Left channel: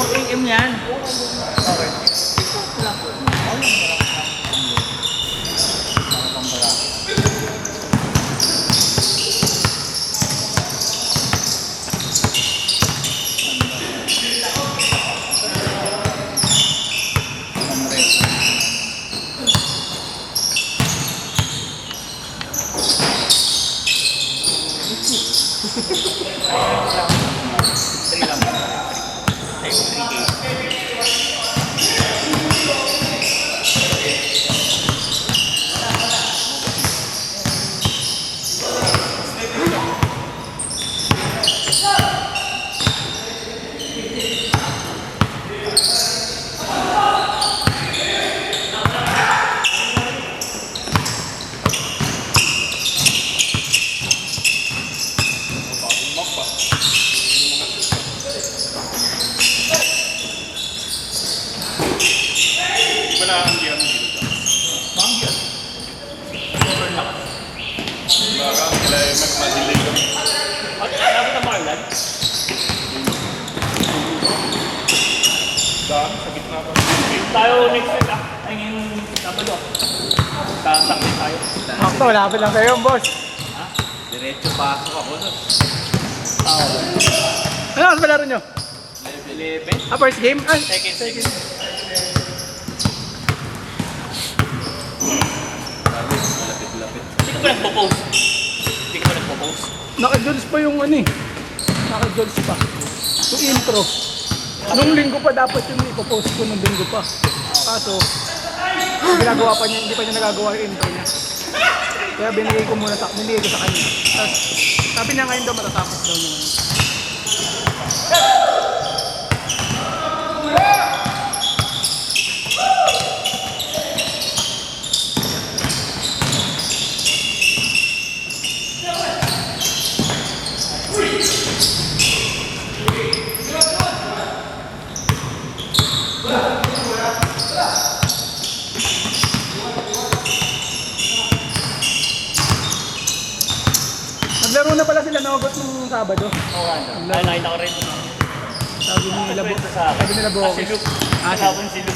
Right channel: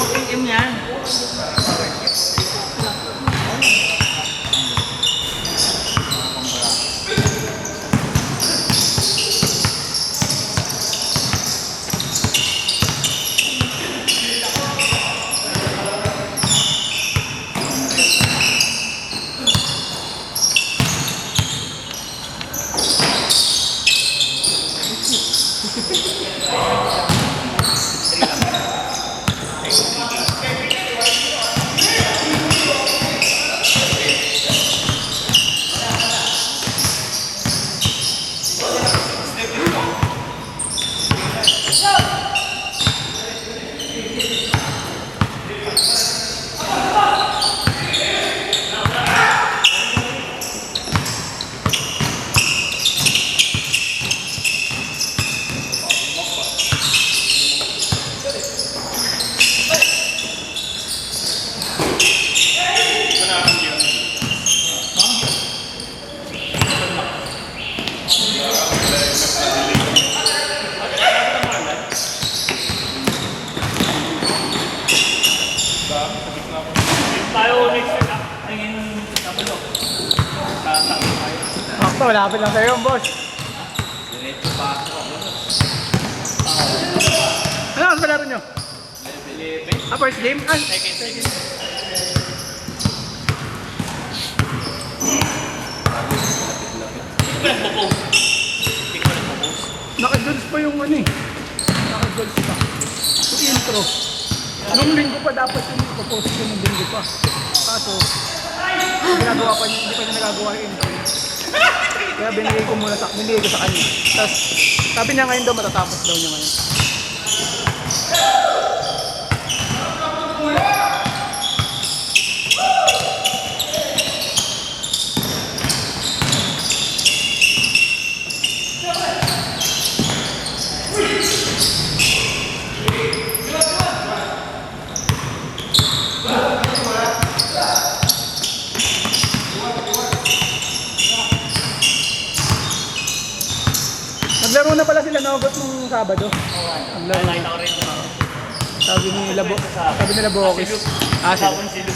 Itim yan. Tayo next week ah. Ayun yung Sabado. Tatang tayo. Ako, lapit lang sa'yo, boss. Diretso pa ako. Ano ang palaro nyo? First game? Ay, Second. Lapit-lapit. Hindi ko yung propose. Hindi ko yung propose. naka-dodge pa yung ano eh. Naka-dodge pa. Yung intro. Nung linggo pa dapat yung ipopost ko ng linggo pa. Kaso, ginagawa pa niya, hindi pa niya nagagawa yung intro. Kaya binigay ko muna binigay ko sa kanya. Tapos, sabi niya ngayon daw matatapos daw niya ngayon. Naglaro na pala sila Nogot nung Sabado. Naglaro. Nakita ko rin ito. Sabi nila Bokis. Sabon silo.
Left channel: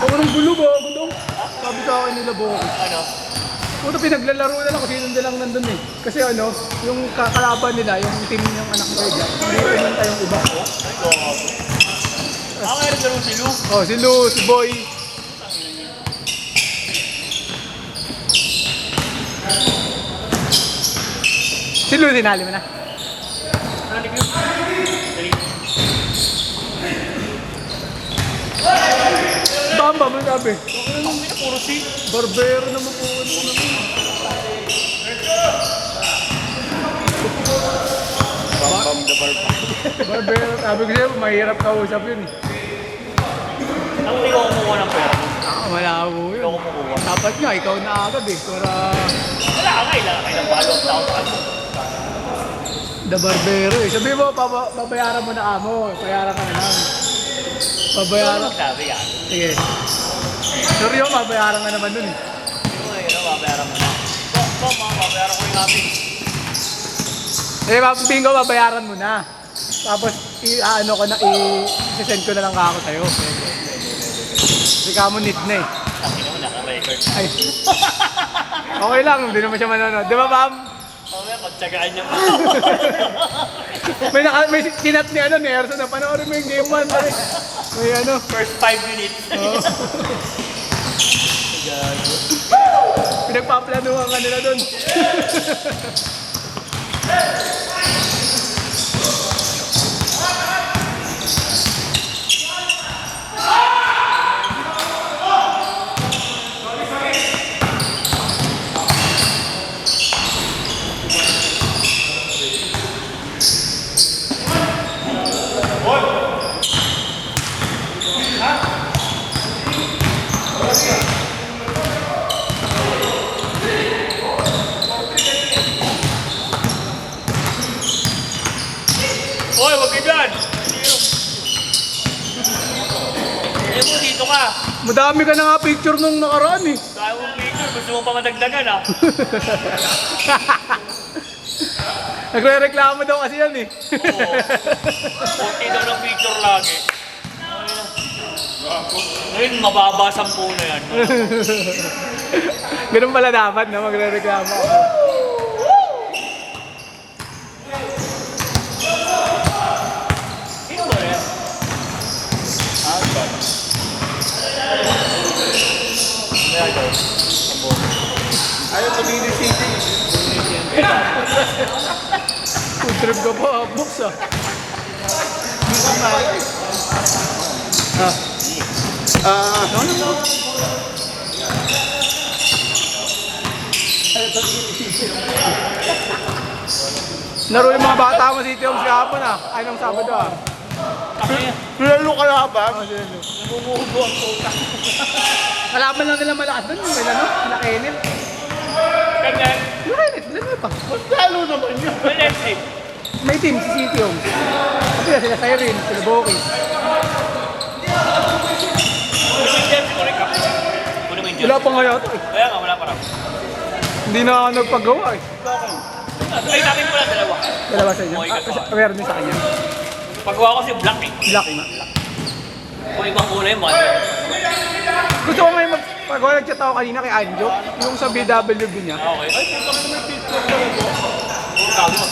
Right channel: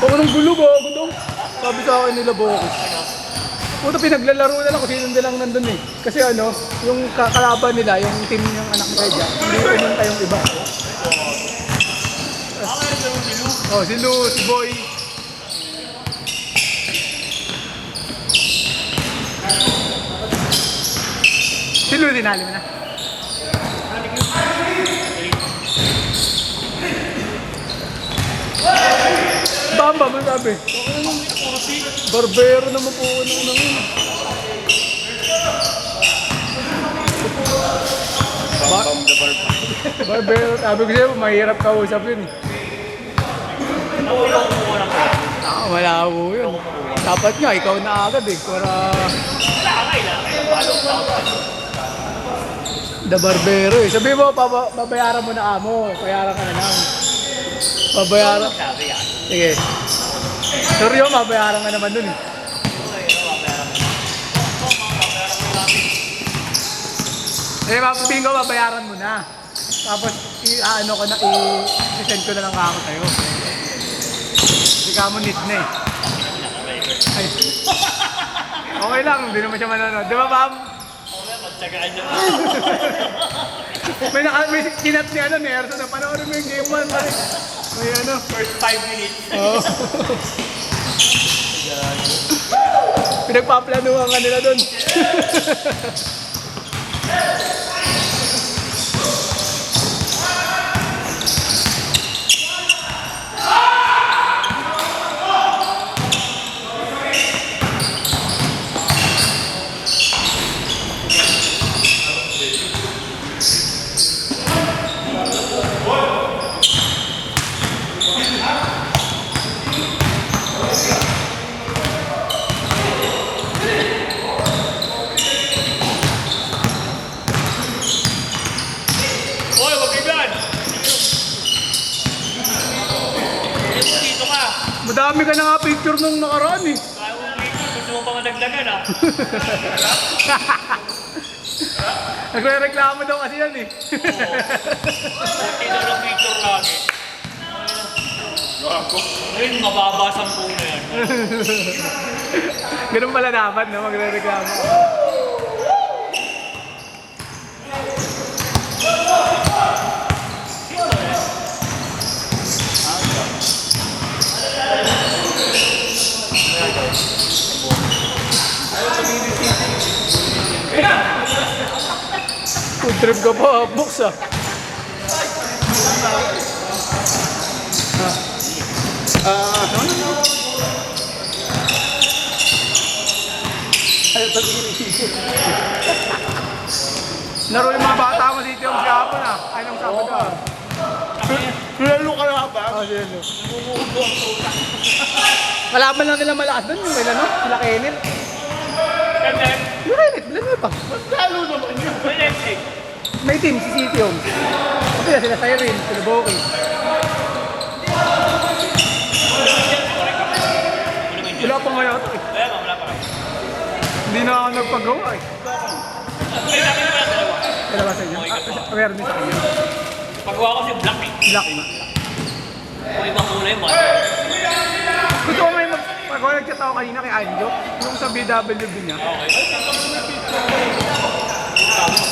Kung anong gulo ba? Gulong. Sabi sa akin nila Bokis. Puto pinaglalaro na lang kasi yun lang nandun eh. Kasi ano, yung kalaban nila, yung team ng anak ni Redja, hindi pumunta yung iba. Oh, si Lu, si Boy. Si Lu, dinalo na. Bamba mo sabi. Barbero naman po ano naman. Bam the bar. Barbero, sabi ko sa'yo, mahirap kausap yun eh. Ako yung kumuha ng pera. Malabo yun. Dapat nga, ikaw na agad eh. Para Kailangan balong tao. the barbero eh. Sabi mo, babayaran mo na amo. Bayaran ka na lang. Babayaran. Sabi yan. Sige. Sorry yun, babayaran ka naman dun eh. Eh, papatingin ko, babayaran mo na. Tapos, ano ko na, i-send ko na lang ako sa'yo. Hindi ka mo need na eh. Ay. Okay lang, hindi naman siya manonood. Di ba, ma'am? Okay, magtagaan niya. May kinat niya ano, Nerso na panoorin mo yung game man. May ano. First 5 minutes. Oo. Pinagpaplanuhan ka nila doon. Hoy, wag iblan! Dito ka! Madami ka na nga picture nung nakaraan eh. Gusto mo pa madagdagan ah? Nagre-reklamo daw kasi yan eh. Pinag ng picture lagi. Ngayon, mababa 10 na yan. Ganun pala dapat na magre-reklamo. Food trip ko po, books ah. Laro ng mga bata mo dito yung hapon ah. Anong Sabado ah? Lalo ka na ba? Oh, yun eh. Kalaban lang nila malakas doon. May ano? Sila Kenneth. Ganyan. Sila Kenneth. Lalo pa. Lalo naman yun. May team si City Homes. Kasi sila Siren, sila Boki. Wala pa nga yata eh. Kaya nga, wala pa. Hindi na ako nagpagawa eh. Ay, sa akin pala dalawa. Dalawa sa inyo. Meron din sa kanya. Pagawa ko si Black eh. Black na. Kung ibang kulay mo. Gusto ko naman pag-gawa nagchat ako kanina kay Anjo. Yung sa BWB niya. Okay. Ay, kaya kami may picture ko rin. Tama.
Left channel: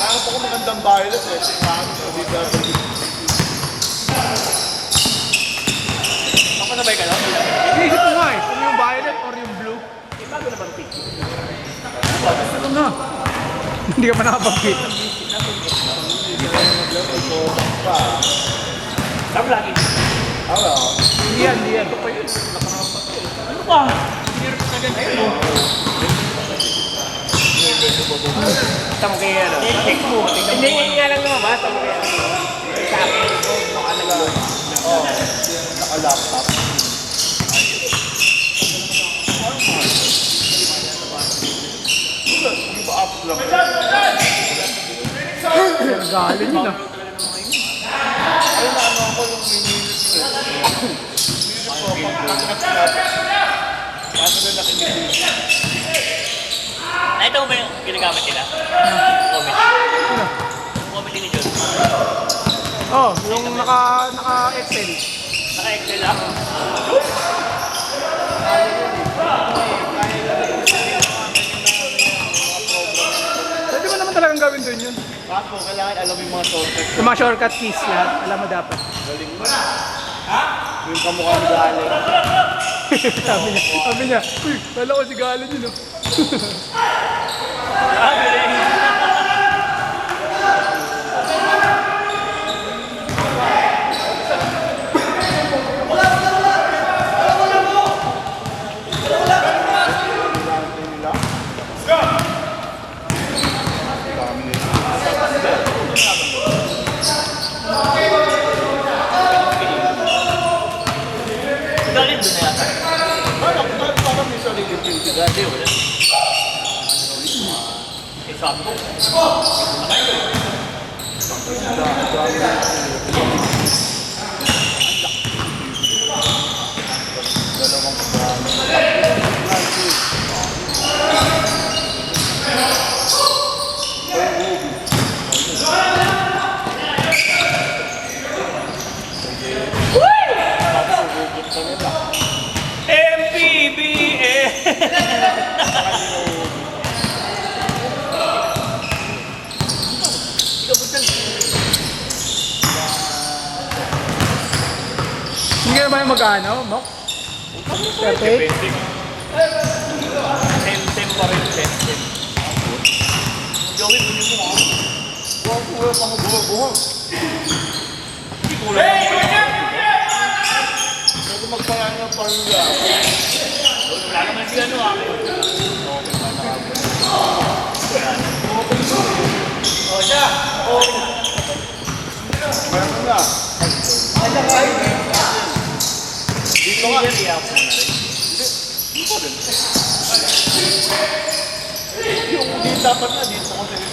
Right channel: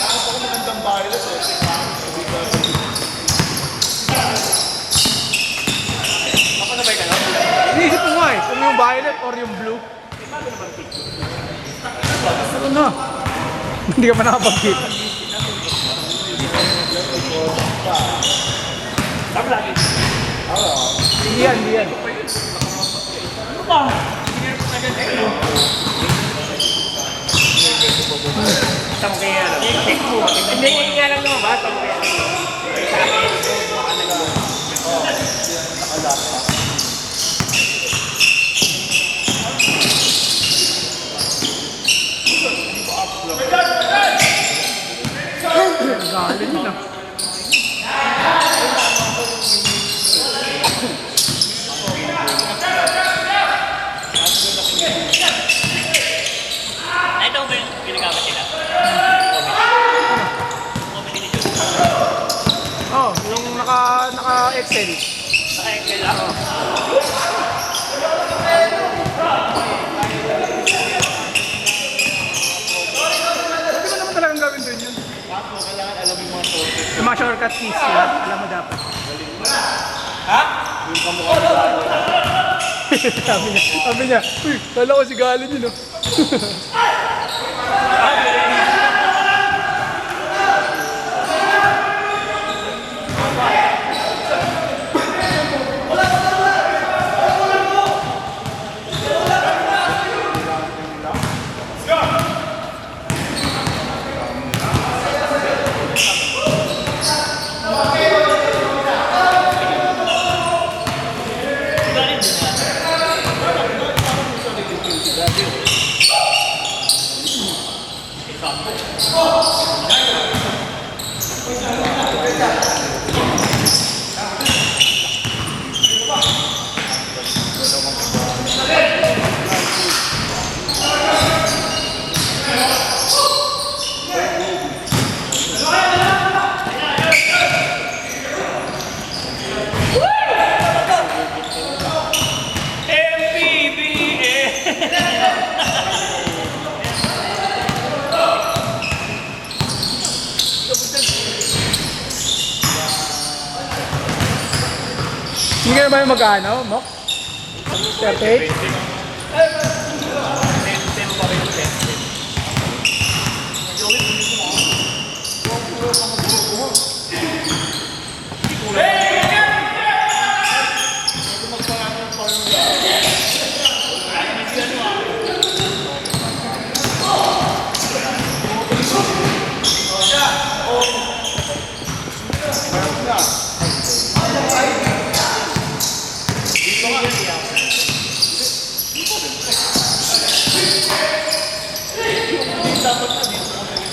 Nakakap ako magandang violet eh. Makasabay ka lang? Inisip ko nga eh. Kung yung violet or yung blue. Ano na? Hindi ka pa nakapag-kita. Tama lagi. Hindi yan, hindi yan. Ano ba? Tama kayo yan. Hindi nga lang naman ba? Tama kayo. Oo. Naka-laptop. Galing na. Ito ba yung ginagamit nila? Oh, yung naka-Excel. Naka-excel ako. Pwede mo naman talagang gawin doon yun. Bakit kailangan alam yung mga sources? Yung mga shortcut keys yun. Alam mo dapat. Yung kamukha ng lalo. sabi niya, uy, kala ko si Galo yun oh. Hindi ka naman mag-ano, Mok? 38? Dapat na dito ko sa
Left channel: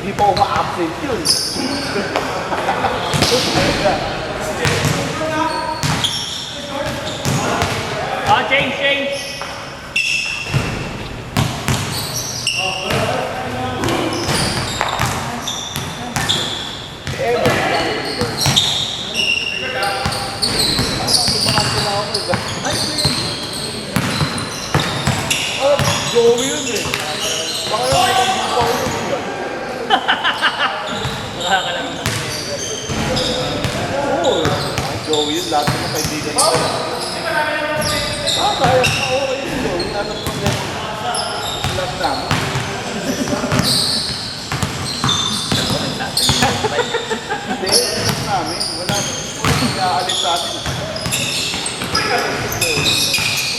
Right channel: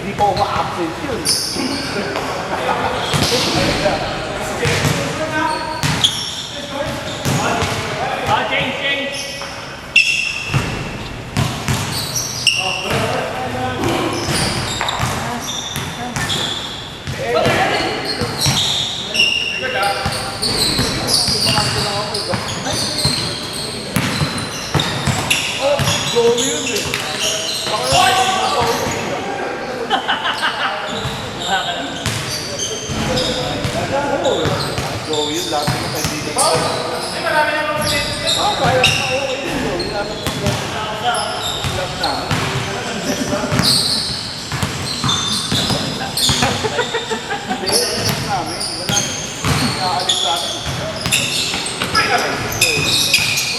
Hindi pa uma-absent yun. Change. Joey yun eh. Baka naman Oo. Joey yun, lahat ng kaibigan. Marami naman sa ito. Kaya na okay yun, Joey. Lahat namin.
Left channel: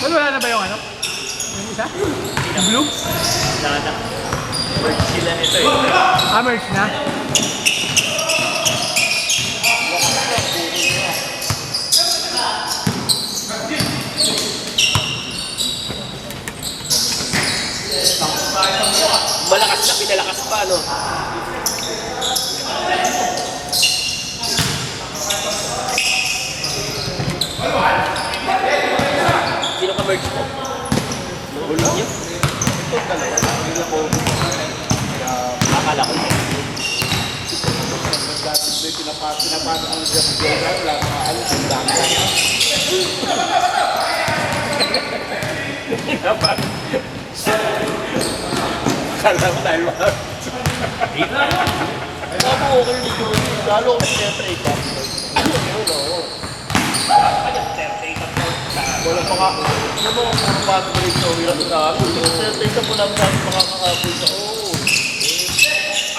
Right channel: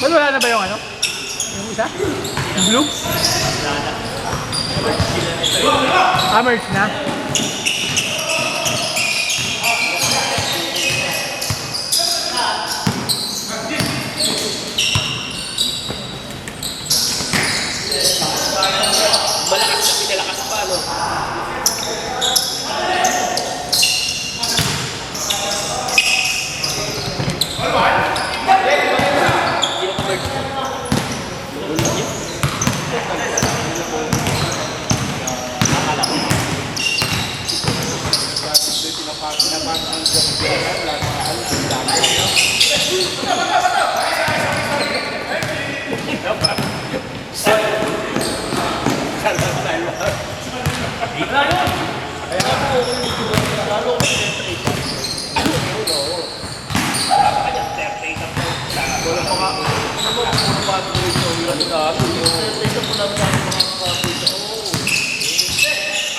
Wala na ba yung ano? Yung isa? Yung blue? Merch na? Malakas na pinalakas pa, no? Sino ka merch mo? Gulo niyo? Ito talaga. Hindi ko akala ko. Dati ko pinapasok ang Jeff lang ano yung dami. Kalang dalawa. Ay ako, lalo ko siyempre ikaw. Wala pa nga. Ano mo ang pathway sa ulan na ano? Ito po namin ang mga kakapita. Oo.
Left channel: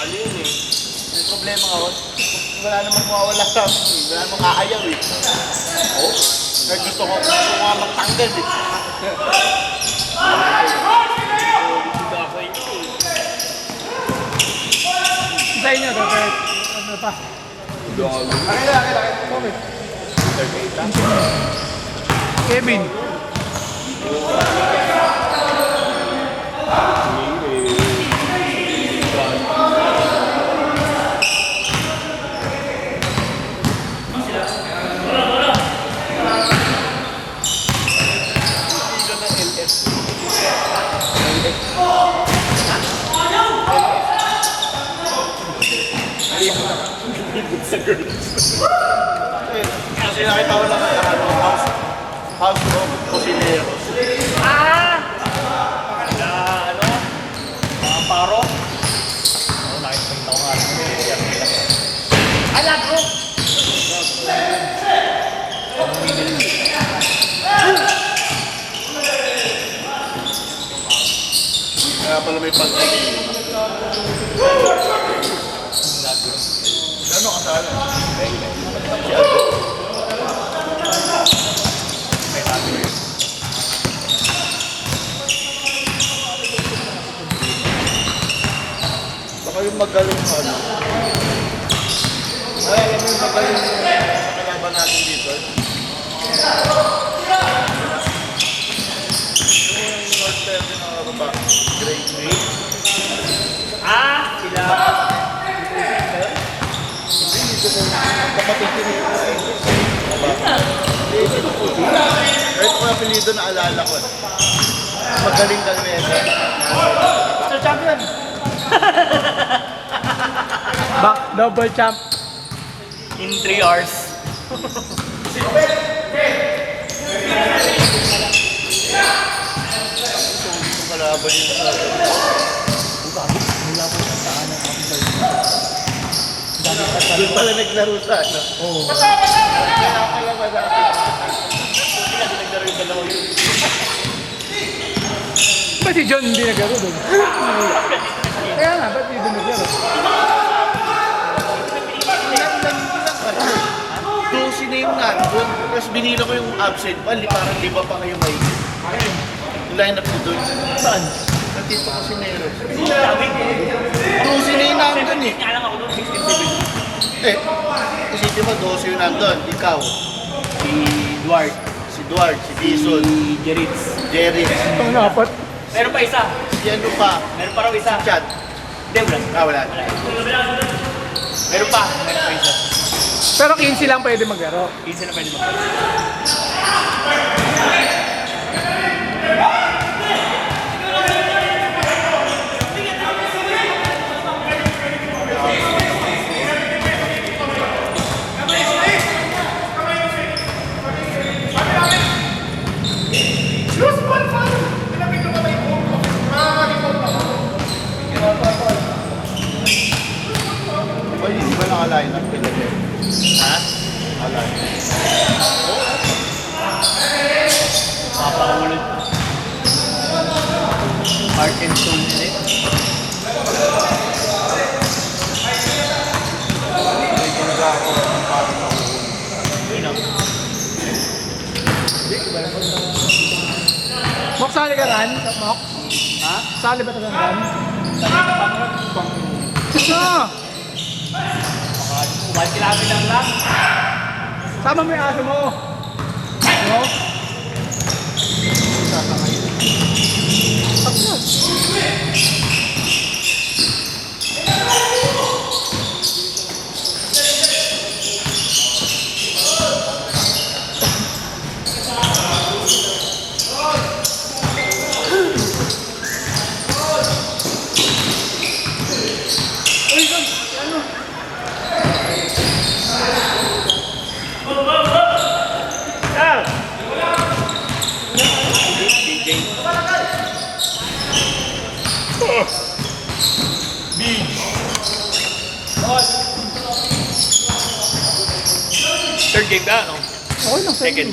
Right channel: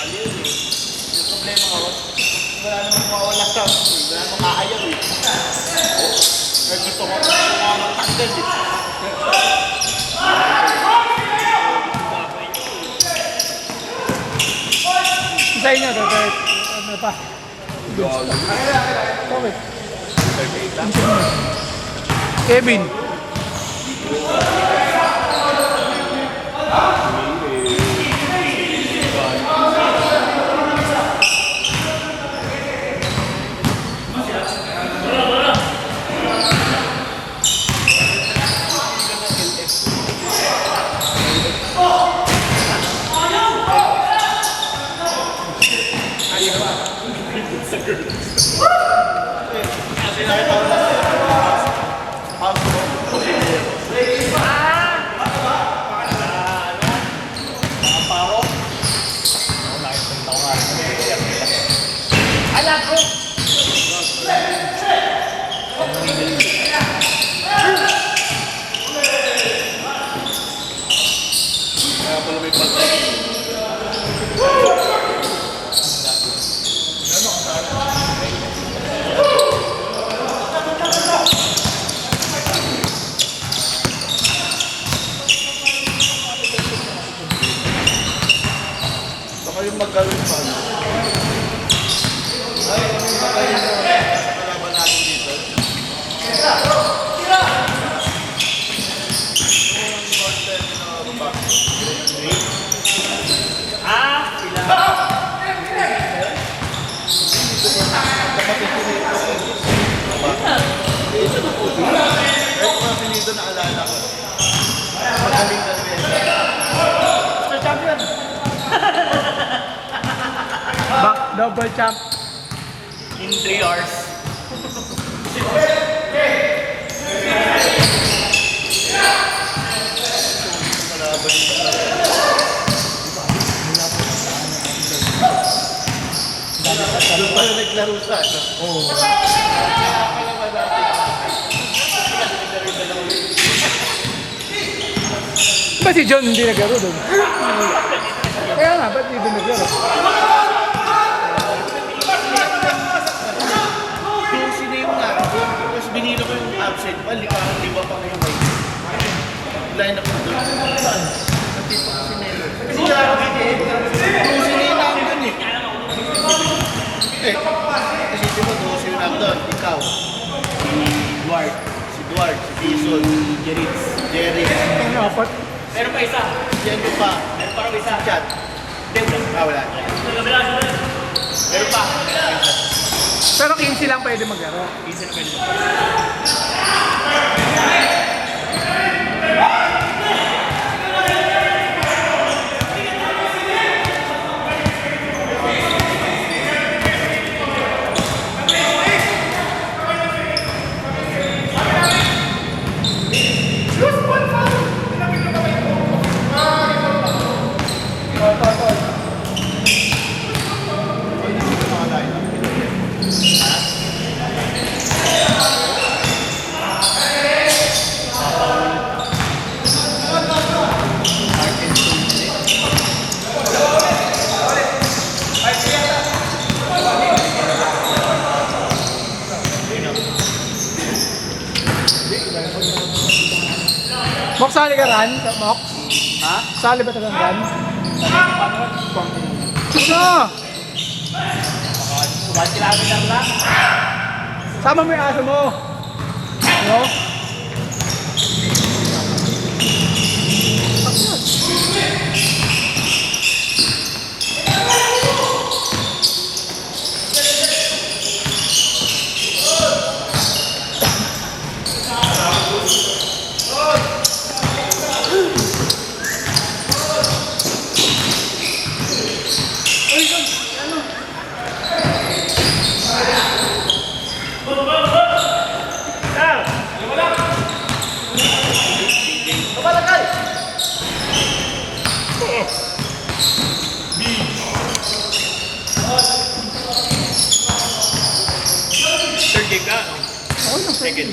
Alin eh. May problema ako. Wala namang mawawala sa amin. Wala namang kaayaw eh. Oo. Nagdito ko mga matanggal eh. Sa inyo, Robert. Ano pa? Robert. Kevin. Kaya pala may pag- Ano ka saan? Baka yung maggalong ka ano? Ay, ano yung magaling mo? Kalaban natin dito. Apelido na alala ko. Magaling ka rin. Sir Champion. Double champ. In 3 hours. Malaban yung doon pala naglaro sa ano? Oo. Nakakalaman natin. Naglaro yung dalawa. Ba't si John hindi naglaro doon? Kaya nga, ba't hindi naglaro? Yung sinayong natin, tapos binila ko yung absent pa, hindi parang di ba pa kayo may line up ko doon. Saan? Natipa ko si Melo. Yung sinayong namin doon eh. Kasi di ba, doon siya nandun, ikaw, si Dwight, Edward, si Jason, Jerry. Ang apat. Meron pa isa. Si ano pa? Meron pa raw isa. Chat. Wala. Meron pa. Pero 15 lang pwede maglaro. Isa na pa yun. Ay, hindi ko nakalain. Mok, sali ka ran? Mok? Ha? Sali ba talagang ran? Ano? 1 kilometer lang. Tama mo yung aso mo. Ano? Third game na, no? Okay lang, Second. second.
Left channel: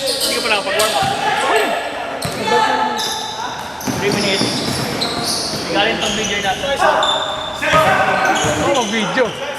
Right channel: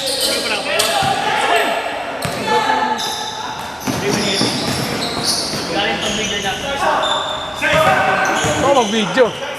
Hindi ko pa nakapagawa. Oo, mag-video.